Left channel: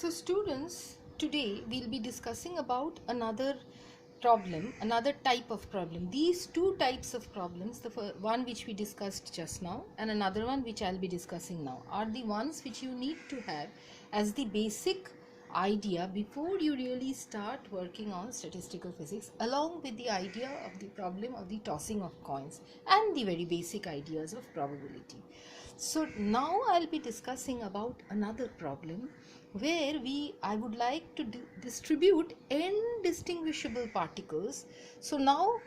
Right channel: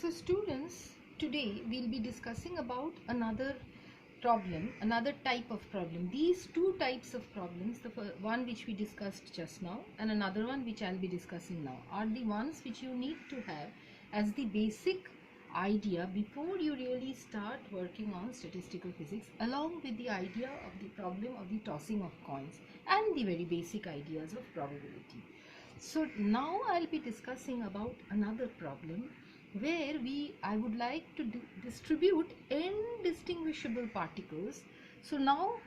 So students, today we'll be discussing about another problem, another type of problem. These two types of problems, the one which we discussed just now and another one which I'll be discussing now, are the ones which you need to have as the basic idea before you really start working on statistical physics, along with the idea of the problem of the tossing of coins and the very basic ideas of probability. So now I'll be discussing about another problem where I would like to distribute indistinguishable particles. So now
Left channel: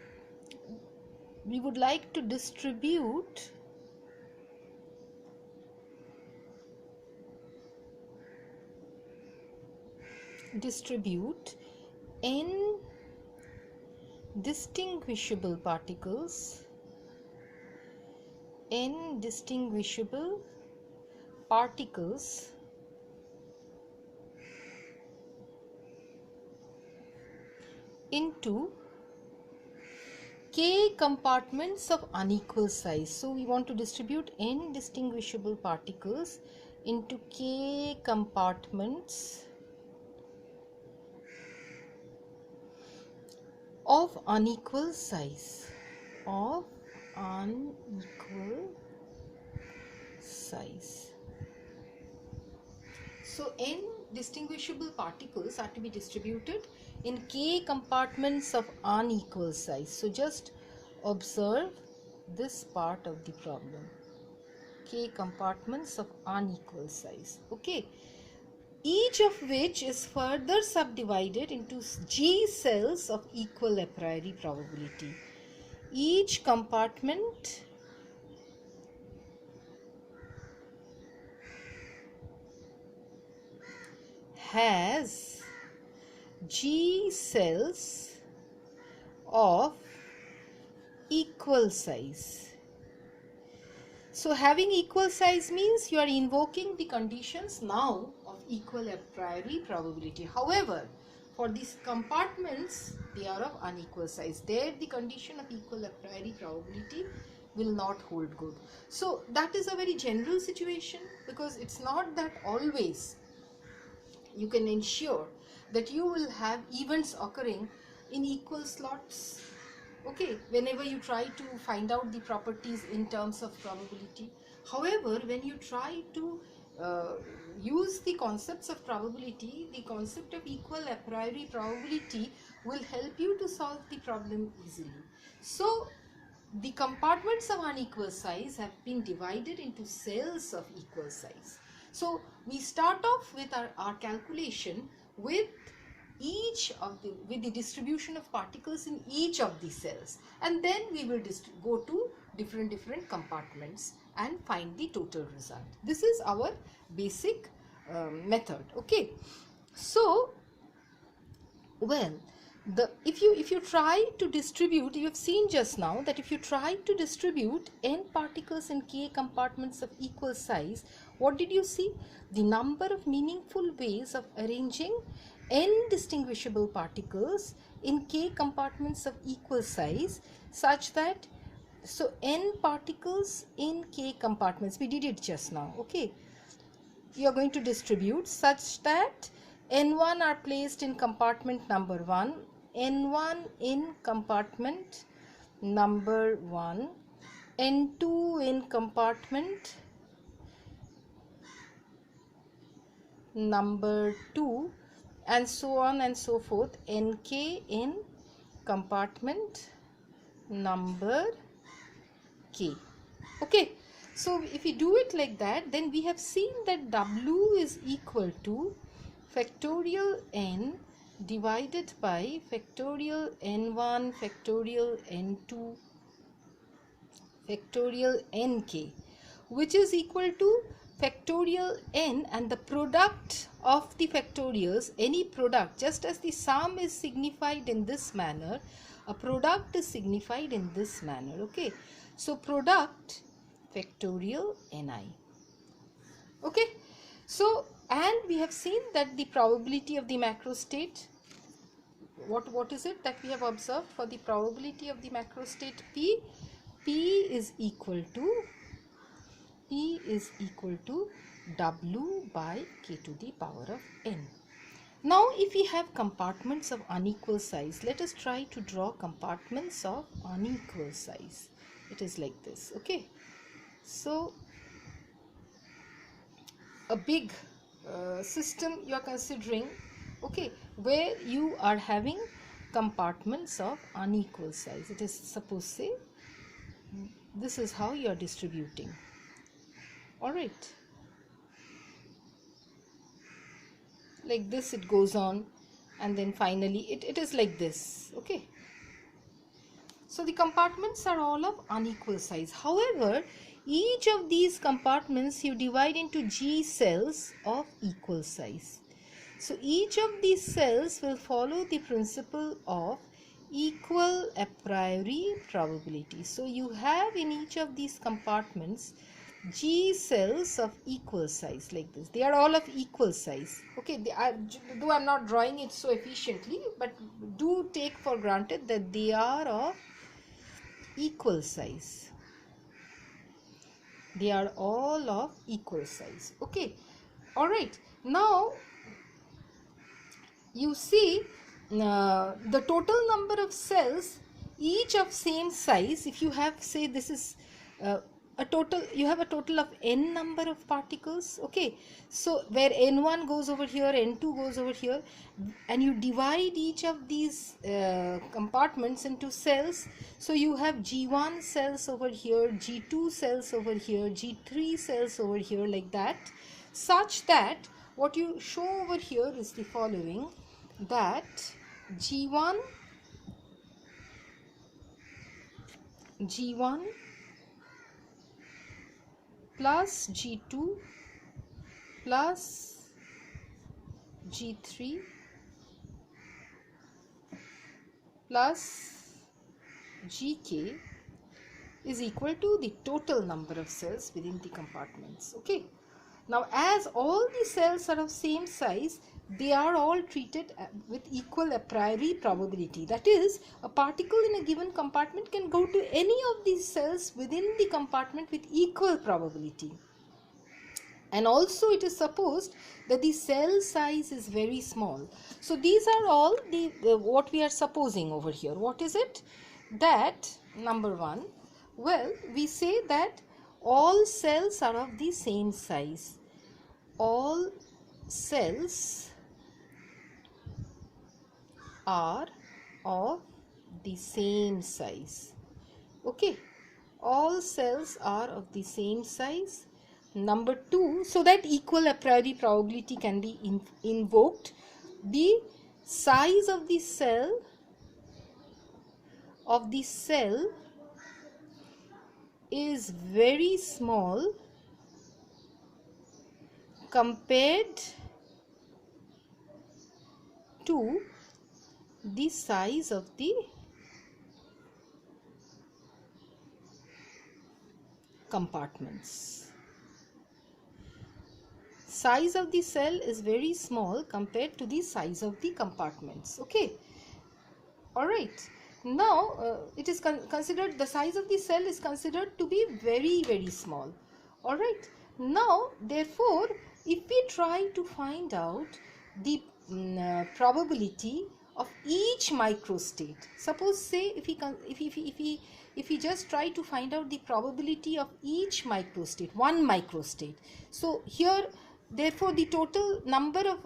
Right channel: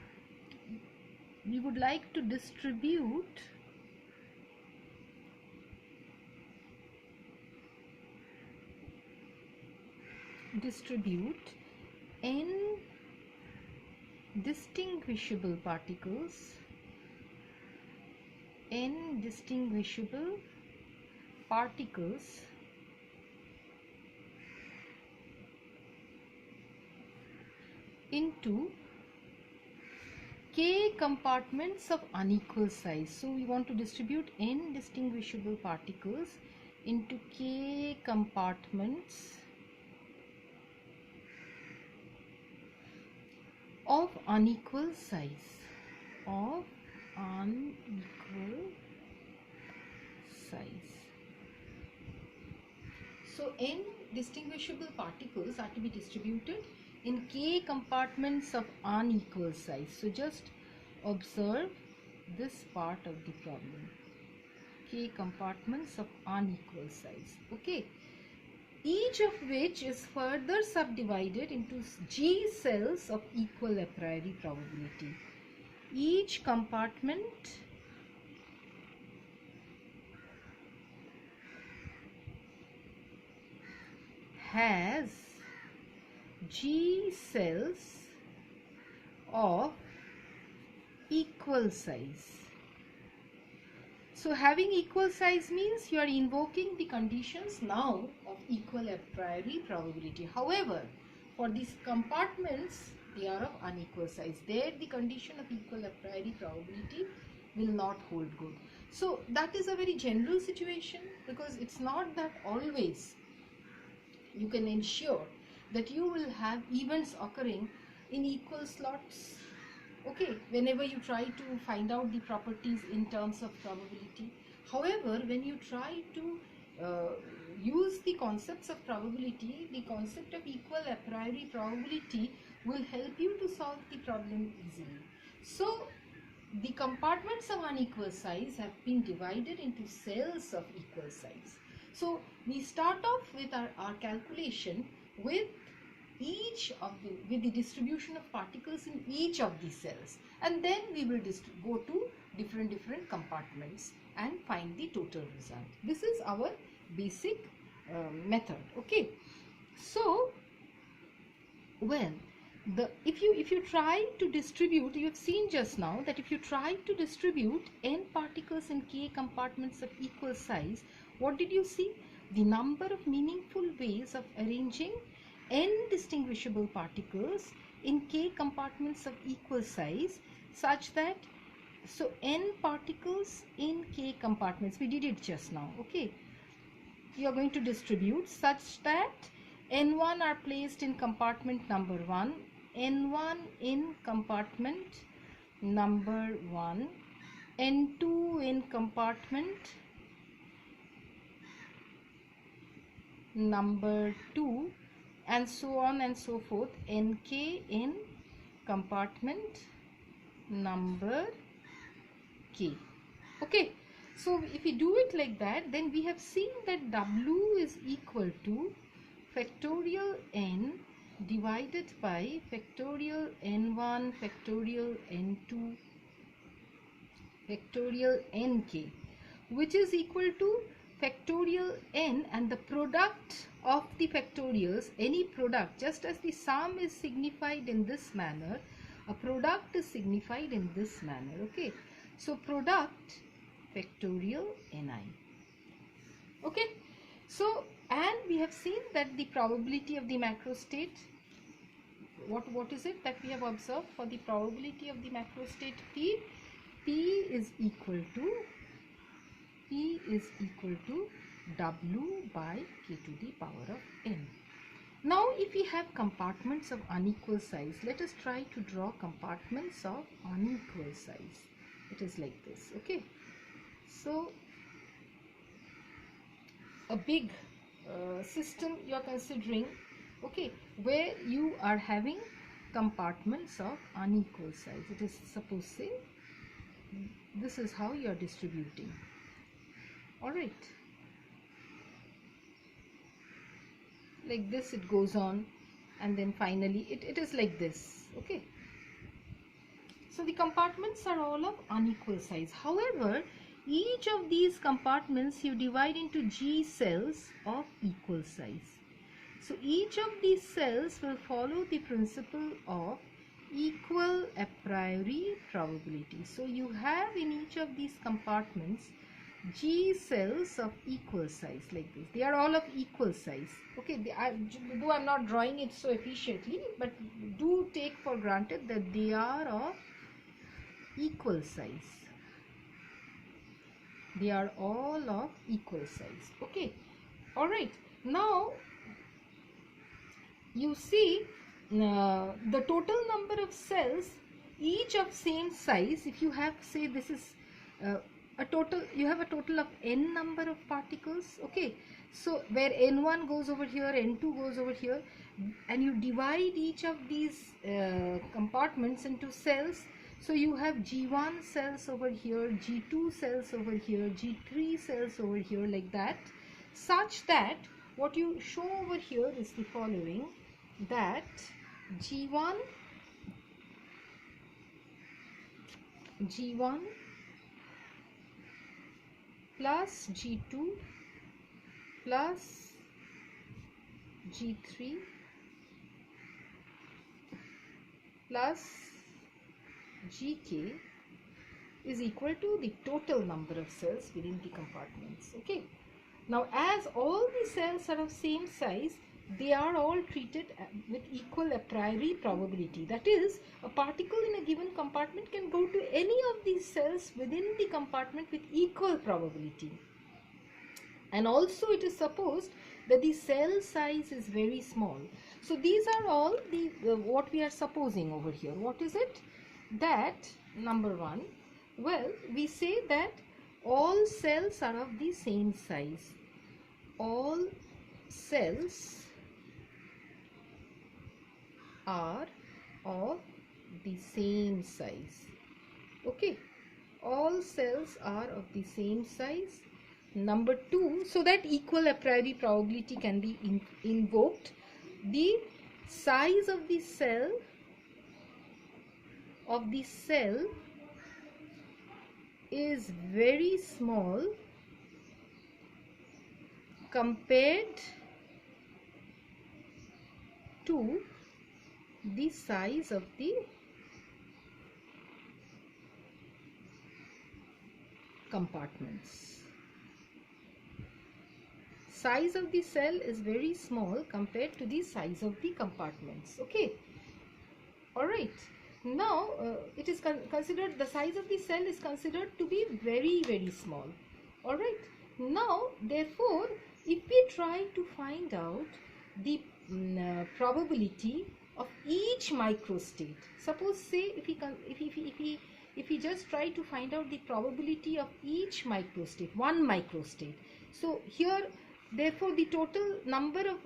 we would like to distribute indistinguishable particles into k compartments of unequal size. So we want to distribute indistinguishable particles into k compartments of unequal size. So indistinguishable particles are to be distributed in k compartments of unequal size. So just observe this part of the problem. K compartments of unequal size. Okay. Each of which is further subdivided into G cells of equal a priori probability. Each compartment has G cells of equal size. So having equal size means you are invoking the conditions now of equal a priori probability. However, for these compartments, they are of unequal size. There the condition of equal a priori probability will not hold good. So that is a very general situation, because it's not that always you can ensure that you will have events occurring in equal slots. Okay, whenever you try to find out the properties in terms of probability. However, when you try to use the concepts of probability, the concept of equal a priori probability will help you to solve the problem easily. So the compartments of unequal size have been divided into cells of equal size. So we start off with our calculation with the distribution of particles in each of the cells, and then we will go to different compartments and find the total result. This is our basic method. Okay, so if you try to distribute, you have seen just now that if you try to distribute n particles in k compartments of equal size, what did you see? The number of meaningful ways of arranging indistinguishable particles in k compartments of equal size, such that, so n particles in k compartments, we did it just now. Okay, you are going to distribute such that n1 are placed in compartment number 1, n1 in compartment number 1, n2 in compartment number 2, and so on and so forth, nk in compartment number k. Okay, so if we do it like that, then we have seen that W is equal to factorial n divided by factorial n1 factorial n2 factorial nk, which is equal to factorial n and the product of the factorials, any product, just as the sum is signified in this manner, a product is signified in this manner. Okay, so product factorial ni. Okay, so and we have seen that the probability of the macro state, what is it that we have observed for the probability of the macro state P? P is equal to W by k to the power of n. Now if we have compartments of unequal size, let us try to draw compartments of unequal size. It is like this, okay? So a big system you are considering, okay, where you are having compartments of unequal size. It is, suppose say, this is how you are distributing. All right, like this it goes on, and then finally it is like this, okay? So the compartments are all of unequal size. However, each of these compartments you divide into G cells of equal size. So each of these cells will follow the principle of equal a priori probability. So you have in each of these compartments G cells of equal size like this. They are all of equal size. Okay, though I'm not drawing it so efficiently, but do take for granted that they are of equal size. They are all of equal size. Okay, all right. Now you see the total number of cells, each of same size. If you have, say, this is a total, you have a total of n number of particles, okay? So where n1 goes over here, n2 goes over here, and you divide each of these compartments into cells. So you have G1 cells over here, G2 cells over here, G3 cells over here, like that, such that what you show over here is the following, that G1 plus G2 plus G3 plus Gk is equal to the total number of cells within the compartments. Okay. Now as all the cells are of same size, they are all treated with equal a priori probability. That is, a particle in a given compartment can go to any of these cells within the compartment with equal probability. And also it is supposed that the cell size is very small. So these are all the what we are supposing over here. What is it? That number one, well, we say that all cells are of the same size. All cells are of the same size. Okay, all cells are of the same size. Number two, so that equal a priori probability can be invoked, the size of the cell is very small compared to the size of the compartments. Size of the cell is very small compared to the size of the compartments. Okay, all right. Now it is considered, the size of the cell is considered to be very small. All right. Now therefore, if we try to find out the probability of each microstate, suppose say if we just try to find out the probability of each microstate, one microstate. So here, therefore, the total number of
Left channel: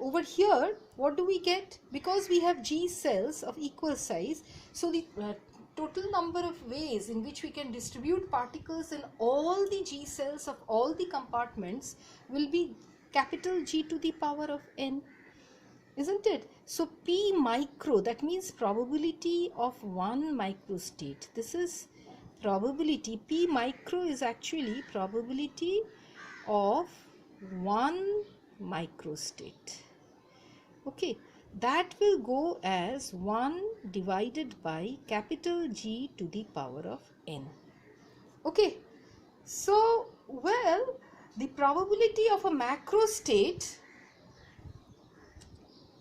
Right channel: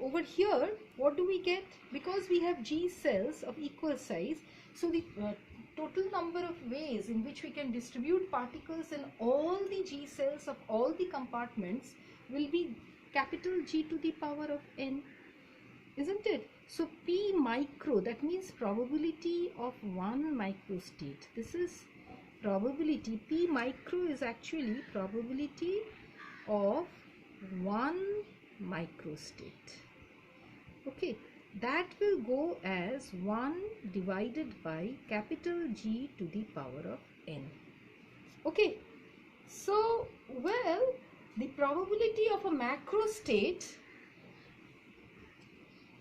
over here, what do we get? Because we have G cells of equal size, so the total number of ways in which we can distribute particles in all the G cells of all the compartments will be capital G to the power of n, isn't it? So P micro, that means probability of one microstate. This is probability. P micro is actually probability of one microstate. Okay, that will go as 1 divided by capital G to the power of n. Okay, so well, the probability of a macrostate,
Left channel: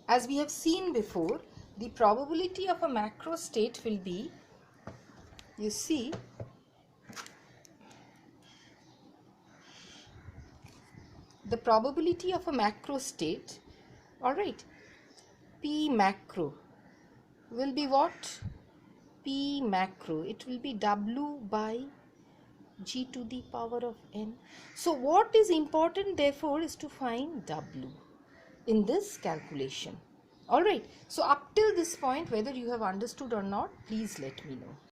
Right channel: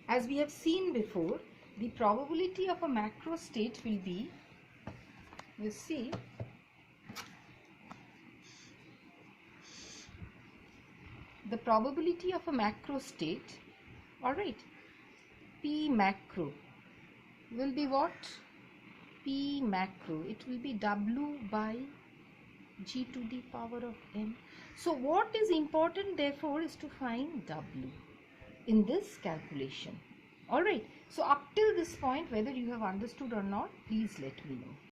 as we have seen before, the probability of a macrostate will be, you see, the probability of a macro state, all right, P macro will be what? P macro, it will be W by G to the power of N. So what is important therefore is to find W in this calculation. All right, so up till this point, whether you have understood or not, please let me know.